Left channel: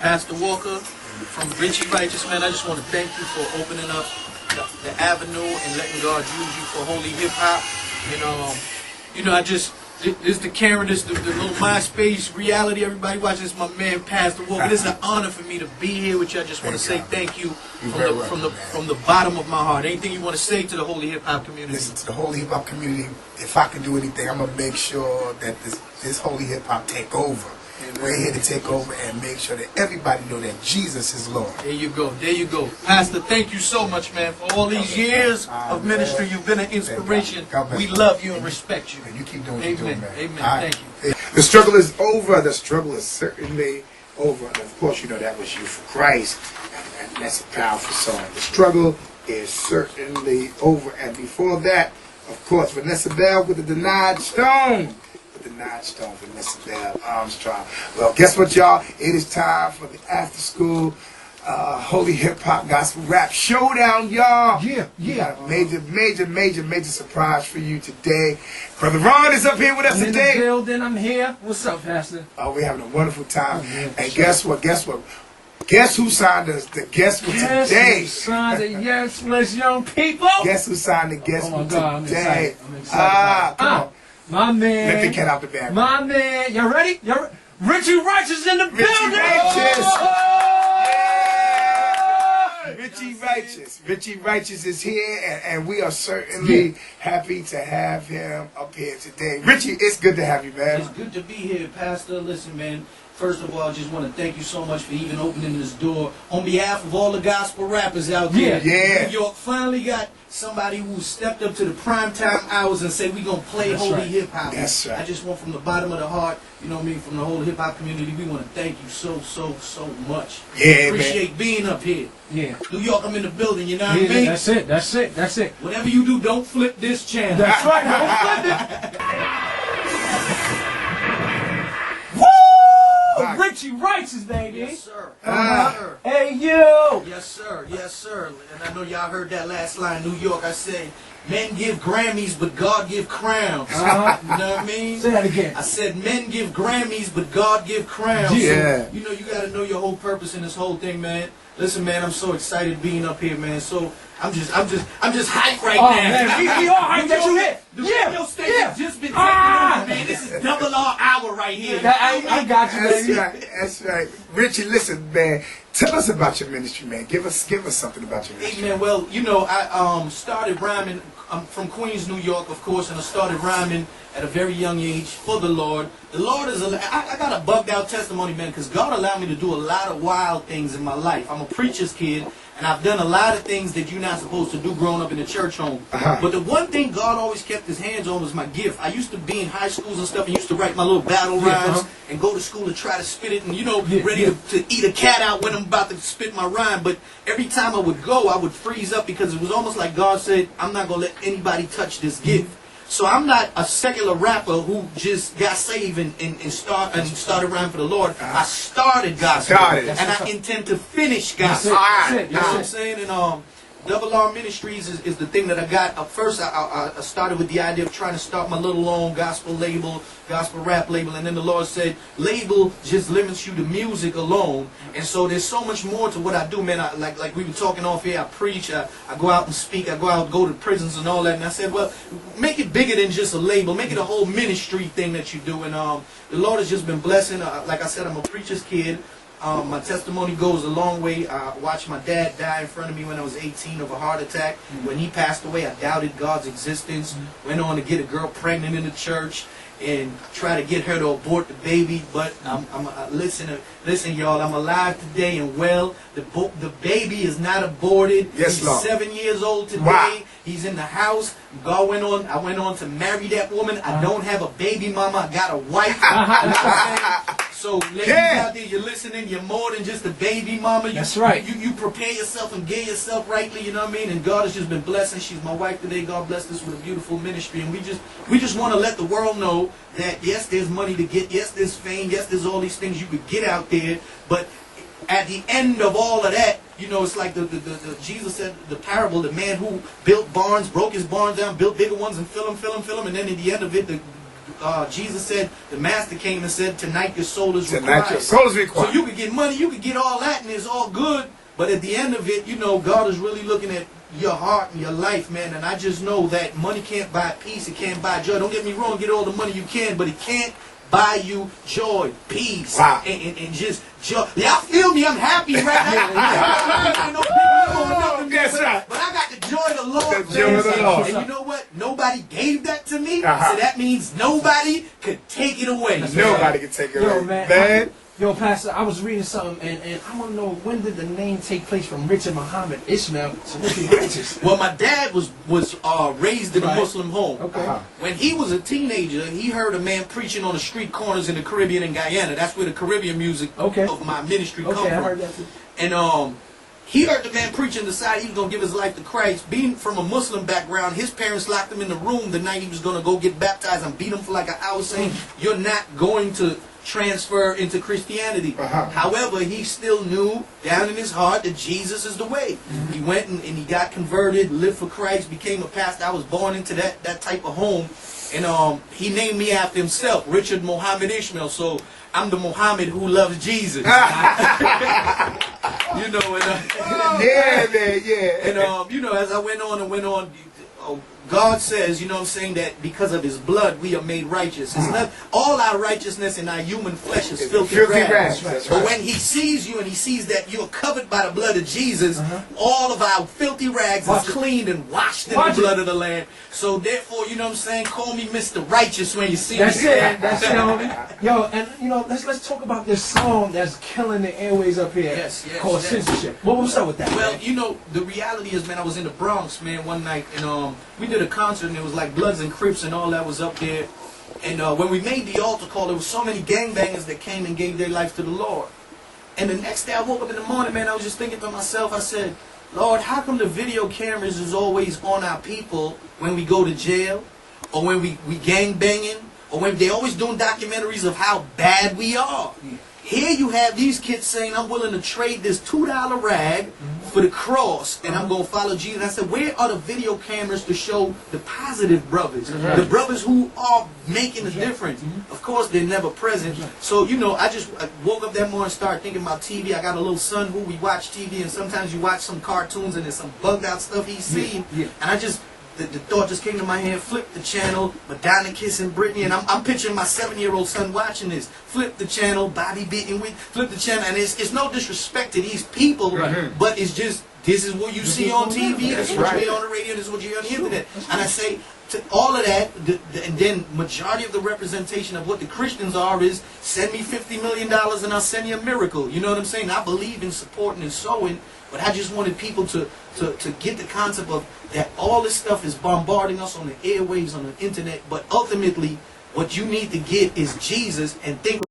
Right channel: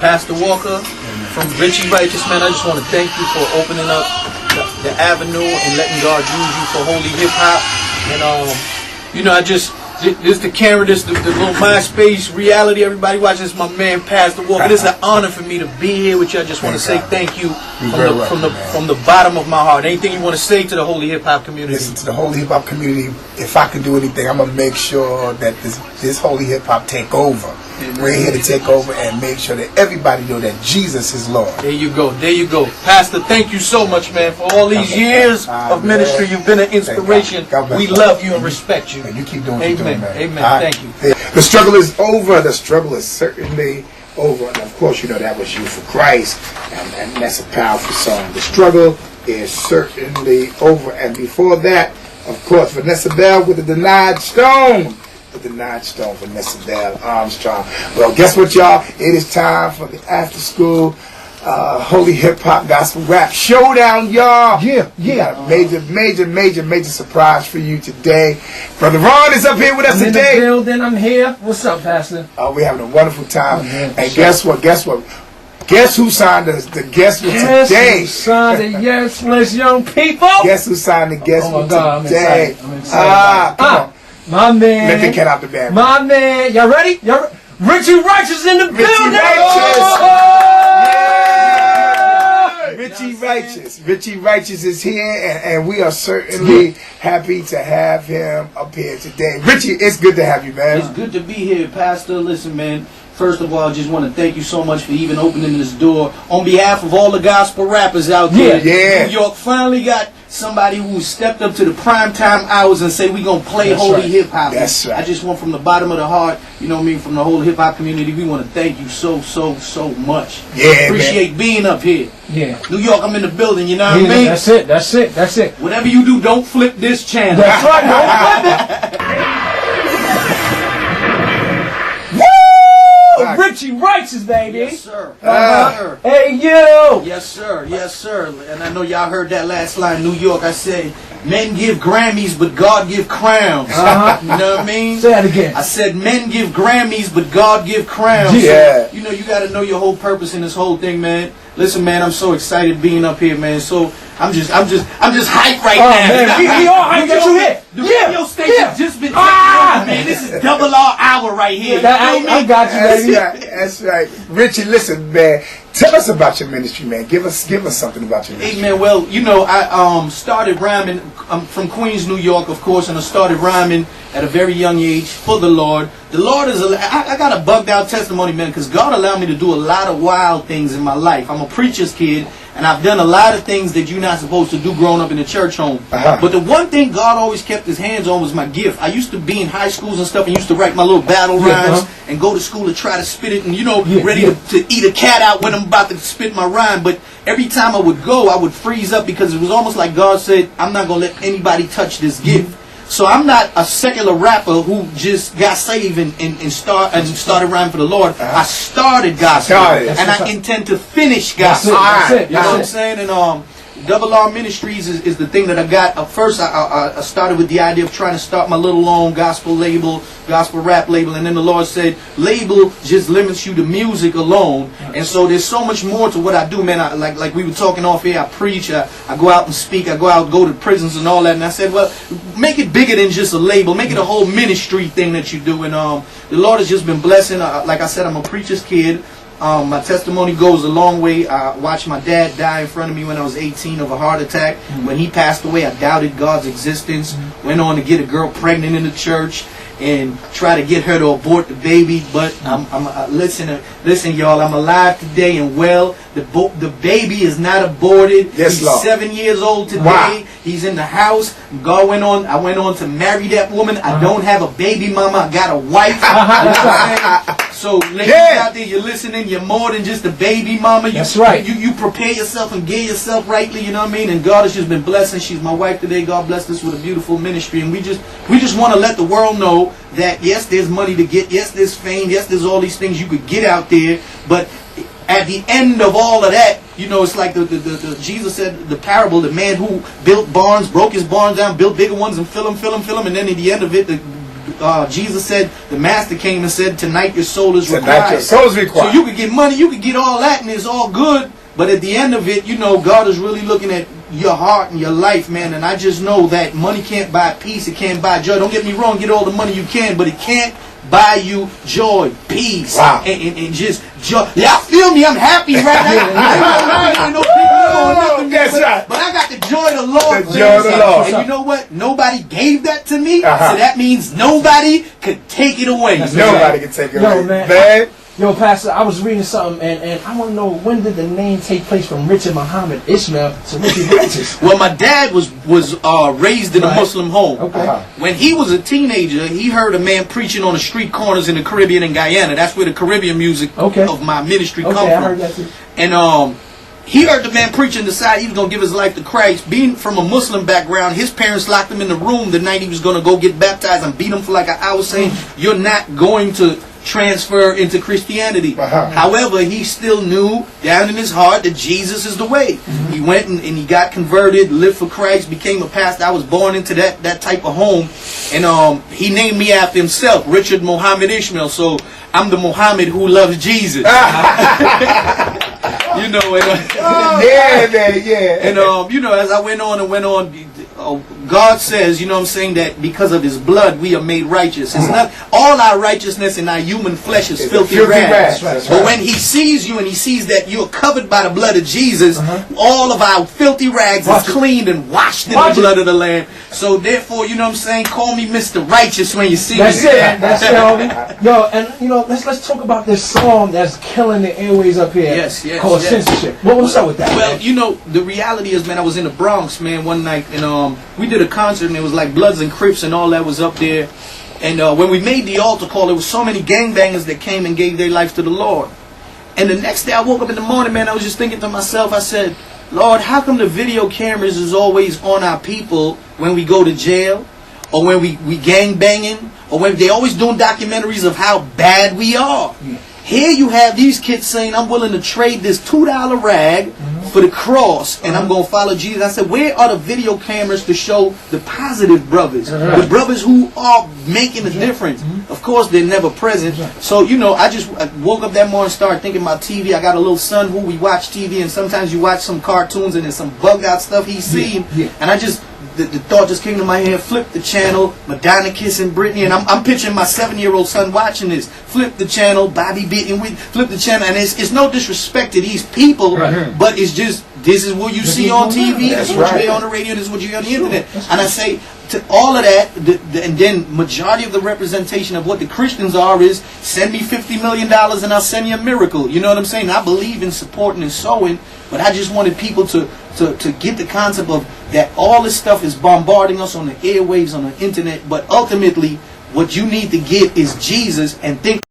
Pastor Walker from RichieRighteous, man, I just want to thank you for opening up the avenue and letting God use you for holy hip hop. And you know, this the camera, this the little MySpace reality. Everybody watching this, my man Pastor Walker. This is an honor for me to be here with you. I just want to say thank you from the bottom of my heart. Anything you want to say to the holy hip hop community? Listen, to the holy hip hop community, if I can do anything, I'm gonna make sure that this holy hip hop take over. We're here to take over and make sure that everybody know that Jesus is Lord. There you go. There you go. Pastor, thank you so much, man, for all these years of ministry. You've been an inspiration. We love you and respect you. And you keep doing what you're doing, man. Amen. Thank you. The struggle is over. The struggle is certainly over. And of course, you know that was You for Christ. And that's a powerful song. The struggle is certainly over. And before that, of course, Vanessa Bell with the Denied Stone. The Denied Stone, Vanessa Bell Armstrong. Well, guess what, y'all? It is time for the after school holy hip hop gospel rap showdown, y'all. Yeah. We got a major surprise for you today. Brother Ron is up here with us today. In the building, I'm here. What's up, Pastor? We're having a wonderful time. And guess what? Guess who signed the guest with today? Guess who signed the Yes List Young People? Guess who signed the guest with today? I'm excited. Come on. My man. Let the cat out the bag. My man. Y'all ready? RichieRighteous in the building. RichieRighteous. RichieRighteous is here, and we are certainly happy to have him up here today. Richie, it's good to have you, man. It's good to be here, Pastor. Listen, man. First of all, I just want to thank you so much for even opening this door. On behalf of all the gospel rappers out there, New York finally got somebody who stepped up to the primetime hours and say we're going to play holy hip hop. That's right. I just want from the bottom of the heart, you know what I mean, from the whole hip hop community, we want to thank you so much. Yeah, appreciate being up here. Yeah. New York, I'm in the building, you know what I mean? That's it. Whatever you do, don't flip this channel. That's right, don't flip it. RichieRighteous, baby. Yes, sir. Hey, you. Yes, sir. And I know y'all heard that last line, New York. I say, men give Grammys, but God give crowns. You know what I mean? Say that again. I said, men give Grammys, but God give crowns. Yeah. So, you know, you got to know your whole purpose in this whole thing, man. Listen, man, I'm so excited being up here, man. So I'm just hyped right now. Man, we all hyped that you here. The radio station's just been man. This is double R hour right here. I got you, baby. That's right. Richie, listen, man. Tell us about your ministry, man. Give us something about your ministry. Hey, man, well, you know, I started rhyming. I'm from Queens, New York, of course, and I started rhyming at a very young age for the Lord. The Lord is I got a bugged out testimony, man, because God allowed me to do a lot of wild things in my life. I'm a preacher's kid, and I've done a lot of things that you're not supposed to do growing up in a church home. But the one thing God always kept his hands on was my gift. I used to be in high schools and stuff and used to write my little battle rhymes and go to school to try to spit it and, you know, ready to eat a cat out when I'm about to spit my rhyme. But every time I would go, I would freeze up because it was almost like God said, I'm not going to let anybody touch this gift. So I'm not a secular rapper who just got saved and started rhyming for the Lord. I started gospel, and I intend to finish gospel. That's it. You know what I'm saying? And Double R Ministries is the thing that I got. First, I started with the idea of trying to start my little own gospel label, gospel rap label, and then the Lord said, label just limits you to music alone. And so there's so much more to what I do, man. Like we were talking off here, I preach, I go out and speak, go to prisons and all that. And I said, well, make it bigger than just a label. Make it a whole ministry thing that you do. And the Lord has just been blessing. Like I said, I'm a preacher's kid. My testimony goes a long way. I watched my dad die in front of me when I was 18 of a heart attack. When he passed away, I doubted God's existence. Went on to get a girl pregnant in the church and try to get her to abort the baby. But listen, y'all. I'm alive today and well. The baby is not aborted. Yes, He's Lord. 7 years old today. Wow. He's in the house. I went on to marry that woman. I don't have a baby mama. I got a wife. You know what I'm saying? So ladies out there, you're listening. You're more than just a baby mama. That's right. You prepare yourself and gear yourself rightly. You know what I mean? And God has just been blessing. She's my wife today. God blessed us with a beautiful ministry. And we just want to let the world know that yes, there's money to get. Yes, there's fame. Yes, there's all these things you could get out there. But at the end of all of that, you know, it's like the Jesus said the parable, the man who built barns, broke his barns down, built bigger ones, and fill them, and then at the end of it, Jesus said, the master came and said, tonight your soul is Tonight required. your soul is required. So you could get money, you could get all that, and it's all good. But at the end of it, God is really looking at your heart and your life, man. And I just know that money can't buy peace. It can't buy joy. Don't get me wrong. Get all the money you can, but it can't buy you joy, peace, wow. and just joy. Y'all feel me? I'm happy right now. Ain't no big deal or nothing. That's right. But I got the joy of the Lord. The joy of the Lord. And you know what? Nobody gave that to me, so that means nobody could take it away. Nobody can take it away. Man. Yo, Pastor, I was reading something, and I want to know, when did the name take place from Richard Muhammad Ishmael to Richie Righteous? Well, my dad was raised in a Muslim home. Okay. When he was a teenager, he heard a man preaching on the street corners in the Caribbean and Guyana. That's where the Caribbean music of my ministry come from. I heard that too. And he heard the man preaching, decided he was going to give his life to Christ. Being from a Muslim background, his parents locked him in the room the night he was going to go get baptized and beat him for like an hour, saying, you're not going to transfer into Christianity. However, he still knew down in his heart that Jesus is the way. He went and he got converted, lived for Christ, became a pastor. I was born into that type of home. And he named me after himself, Richard Muhammad Ishmael. So I'm the Muhammad who loves Jesus. And as I went on, God says, that because of his blood we are made righteous. It's not all our righteousness in our human flesh is filthy rags. But when he sees you and he sees that you're covered by the blood of Jesus, all of our filthy rags is cleaned and washed in the blood of the Lamb. So therefore, call me Mr. Righteous when you see me. That's it, homie. Yo, and let's talk about this song that's killing the airways up here. Yes. Called Censorship. What's up with that? Well, the reality is, man, I was in the Bronx, man, one night, and we did a concert, and it was like Bloods and Crips and all that was up there. And when we made the altar call, there was so many gangbangers that came and gave their life to the Lord. And the next day I woke up in the morning, man, I was just thinking to myself, I said, Lord, how come the video cameras is always on our people when we go to jail, or when we gang banging, or when they always doing documentaries of how bad we are? Here you have these kids saying, I'm willing to trade this $2 rag for the cross, and I'm going to follow Jesus. I said, where are the video cameras to show the positive brothers? The brothers who are making a difference. Of course, they're never present. So, I woke up that morning and started thinking about TV. I got a little son who we watch TV, and sometimes you watch some cartoons, and there's some bugged out stuff he's seen. And the thought just came to my head, flip the channel, Madonna kissing Britney, and I'm picturing my 7-year-old son watching this. Flip the channel, Bobby beating with, flip the channel, and it's no disrespect to these people, but it's just, this is what you see on TV, this is what you hear on the radio, this is what you hear on the internet. And I say, to all of that, and then majority of the representation of what the Christians are is, send me $50 million and I'll send you a miracle. You know what I'm saying? I believe in supporting and sowing, but I just wanted people to get the concept of that all this stuff is bombarding us on the airwaves, on the internet, but ultimately what you need to get is Jesus, and think